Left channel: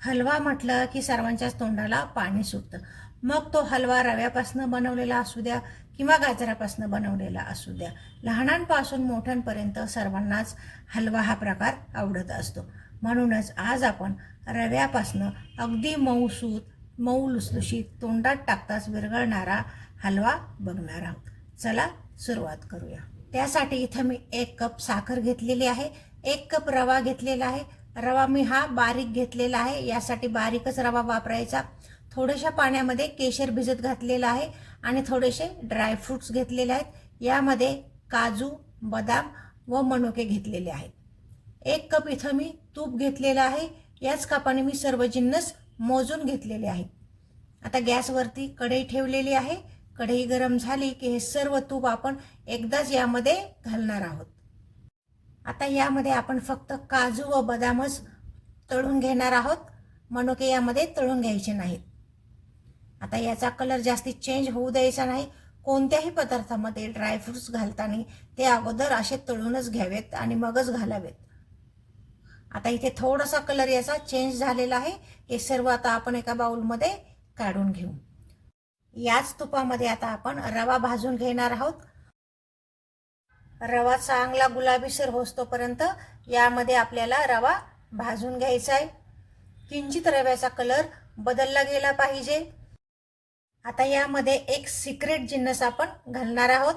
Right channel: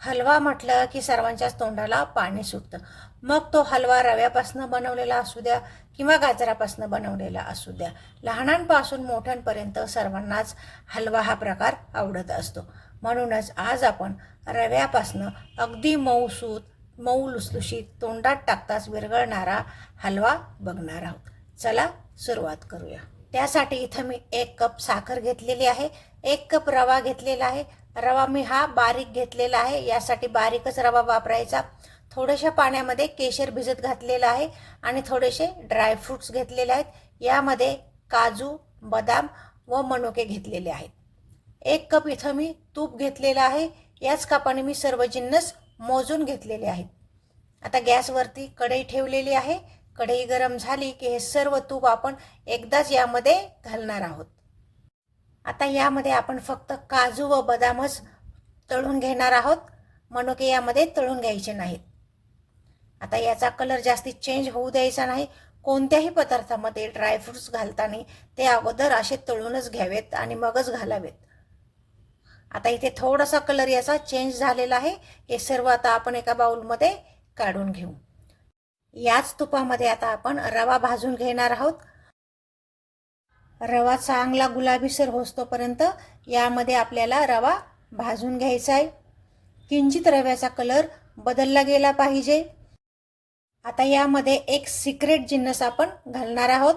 हलवा म्हटलं की सर्वांच्याच तोंडाला पाणी सुटतं. मग तो हलवा रव्यापासून बनवलेला असू द्या किंवा गाजरापासून बनवलेला असू द्या. लहानांपासून मोठ्यांपर्यंत सर्वांनाच हलवा हा प्रकार आवडत असतो. म्हणूनच आज आपण रव्यापासून अगदी मऊसूत मऊ लुसलुशीत तोंडात टाकताच विरघळणारा हलवा बघणार आहोत. चला सुरुवात करूया. त्यासाठी इथं मी एक कप साखर घेतलेली आहे एक कप रवा घेतलेला आहे रवा मी हा बारीक घेतलेला आहे. यासाठी बारीकच रवा वापरायचा. थोड्याशा पाण्यामध्ये केशर भिजत घातलेला आहे आणि थोडेसे ड्रायफ्रुट्स घेतलेले आहेत. यामध्ये काजू बदाम व मनुके घेतलेले आहेत. एक कप इथं मी तूप घेतलेलं आहे. याच कपाने मी सर्व जिन्नस मोजून घेतलेले आहेत आता गॅसवरती कढई ठेवलेली आहे. कढई गरम झाली की हे सर्व तूप आपण एकदाच यामध्ये घालणार आहोत. आता यामध्ये आपण फक्त काजू व बदामच तळून घेणार आहोत. मनुके यामध्ये तळून घ्यायचे नाहीत. आता याचा कलर जास्ती चेंज होऊ द्यायचा नाही. कोणत्याही पदार्थामध्ये ड्रायफ्रुट्स घालताना ते अगोदर असे तळूनच घ्यावेत आणि मगच घालावेत. आता इथे थोडासा कलर याचा चेंज झालेला आहे. हे सर्व आता आपण एका बाउलमध्ये काढून घेऊ. याच तुपामध्ये आता आपण रवा भाजून घेणार आहोत. रवा चांगला गुलाबीसर होतोपर्यंत यामध्ये आपल्याला रवा भाजून घ्यायचा आहे. किंचित रव्याचा कलर बदलला गेला पाहिजे. आता यामध्ये एक सिक्रेट जिन्नस आपण घालणार आहोत.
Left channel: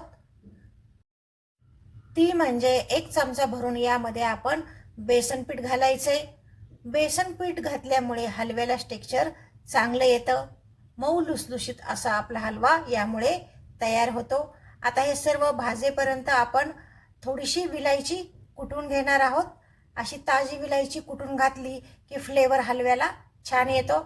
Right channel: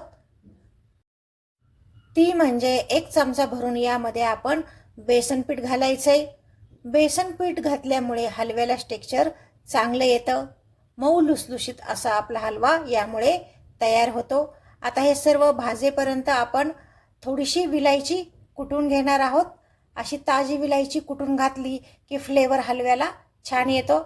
ती म्हणजे एक चमचा भरून यामध्ये आपण बेसन पीठ आहे बेसन पीठ घातल्यामुळे हलव्याला टेक्स्चर चांगलं येतं. मऊ लुसलुशीत असा आपला हलवा यामुळे तयार होतो. आता हे सर्व भाजेपर्यंत आपण थोडीशी विलायची कुटून घेणार आहोत. अशी ताजी विलायची कुटून घातली की फ्लेवर हलव्याला छान येतो.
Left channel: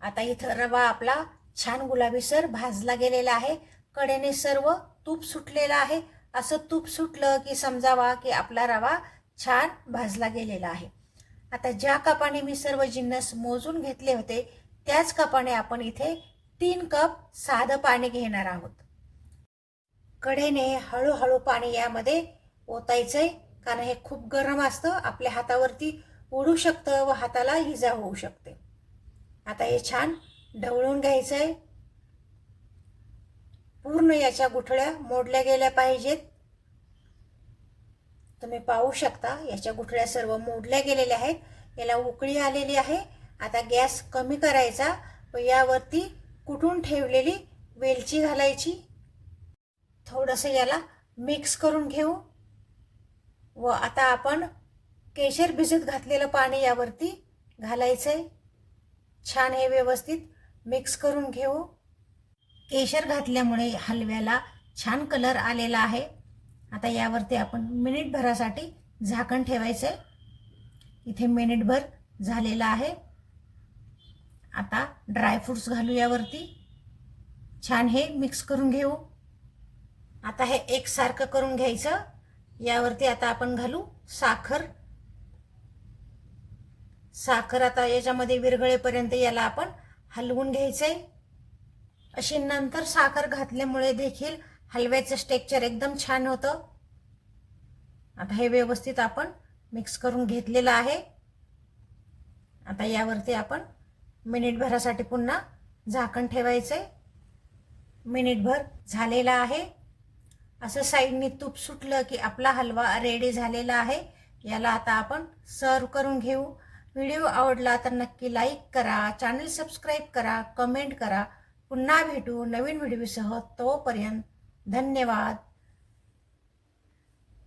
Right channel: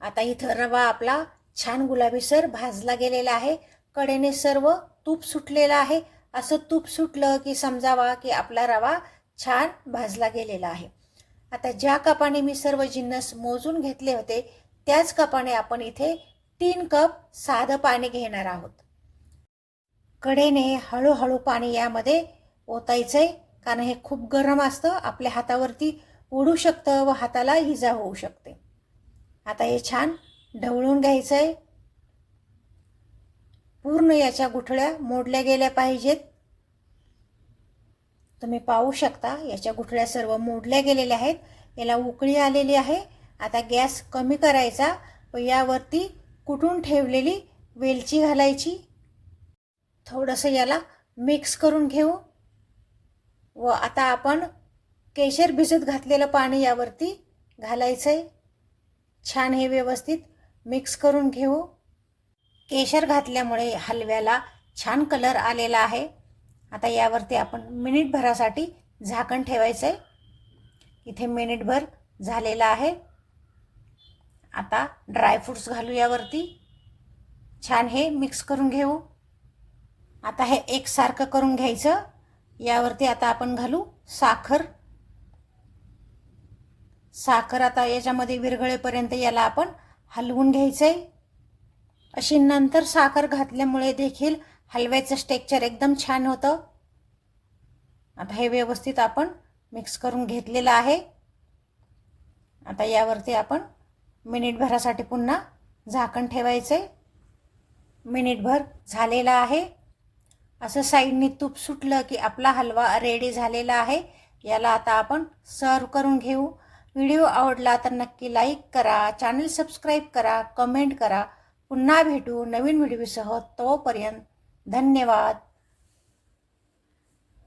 आता इथं रवा आपला छान गुलाबीसर भाजला गेलेला आहे. कडेने सर्व तूप सुटलेलं आहे. असं तूप सुटलं की समजावा की आपला रवा छान भाजला गेलेला आहे. आता ज्या कपाने मी सर्व जिन्नस मोजून घेतले होते त्याच कपाने आपण इथे तीन कप साधं पाणी घेणार आहोत. कडेने हळूहळू पाणी यामध्ये ओतायचं आहे कारण हे खूप गरम असतं. आपल्या हातावरती उडू शकतं व हाताला इजा होऊ शकते. आता हे छान ढवळून घ्यायचं आहे पूर्ण याच्या गुठळ्या मोडल्या गेल्या पाहिजेत. तुम्ही पाहू शकता याच्या गुठळ्या सर्व मोडल्या गेलेल्या आहेत. याला उकळी आलेली आहे. आता गॅस कमी करायचा व यावरती कुठून ठेवलेली वेलची घालायची? थोडंसं याला मिक्स करून घेऊ. व आता आपण केशर भिजत घातलेलं पाणी यावरती घालायचं आहे छान हे व्यवस्थित मिक्स करून घेऊ. केशर घातल्यामुळे हलव्याला छान कलर आलेला आहे. आता यावरती आपण मिनिटभरासाठी झाकण ठेवायचं आहे इथे मिनिटभर झालेलं आहे. आता ड्रायफ्रूट्स घालू यावरती. छान हे मिक्स करून घेऊ. आता हे एकसारखं करून घ्यायचं. यावरती आता आपण घालू साखर. साखर आता याच्यामध्ये विरघळेपर्यंत याला आपण हलवून घ्यायचं आहे अशी नंतर साखर घातल्यामुळे देखील हलव्याचं स्टेक्चर एकदम छान होतं. आता हे व्यवस्थित आपण मिक्स करून घेतलेलं आहे. आता यावरती आपण मिनिटभरासाठी पुन्हा झाकण ठेवायचं आहे मिनिटभर झालेलं आहे. असं साईडने तूप सुटलं की आपला हलवा रेडी झालेला आहे. याला आता आपण सर्व करून घेऊ. व्हिडिओ आवडला तर नक्की लाईक करा चॅनल सबस्क्राईब करा कमेंट करा. पुन्हा भेटू नवीन व्हिडिओसह तोपर्यंत धन्यवाद.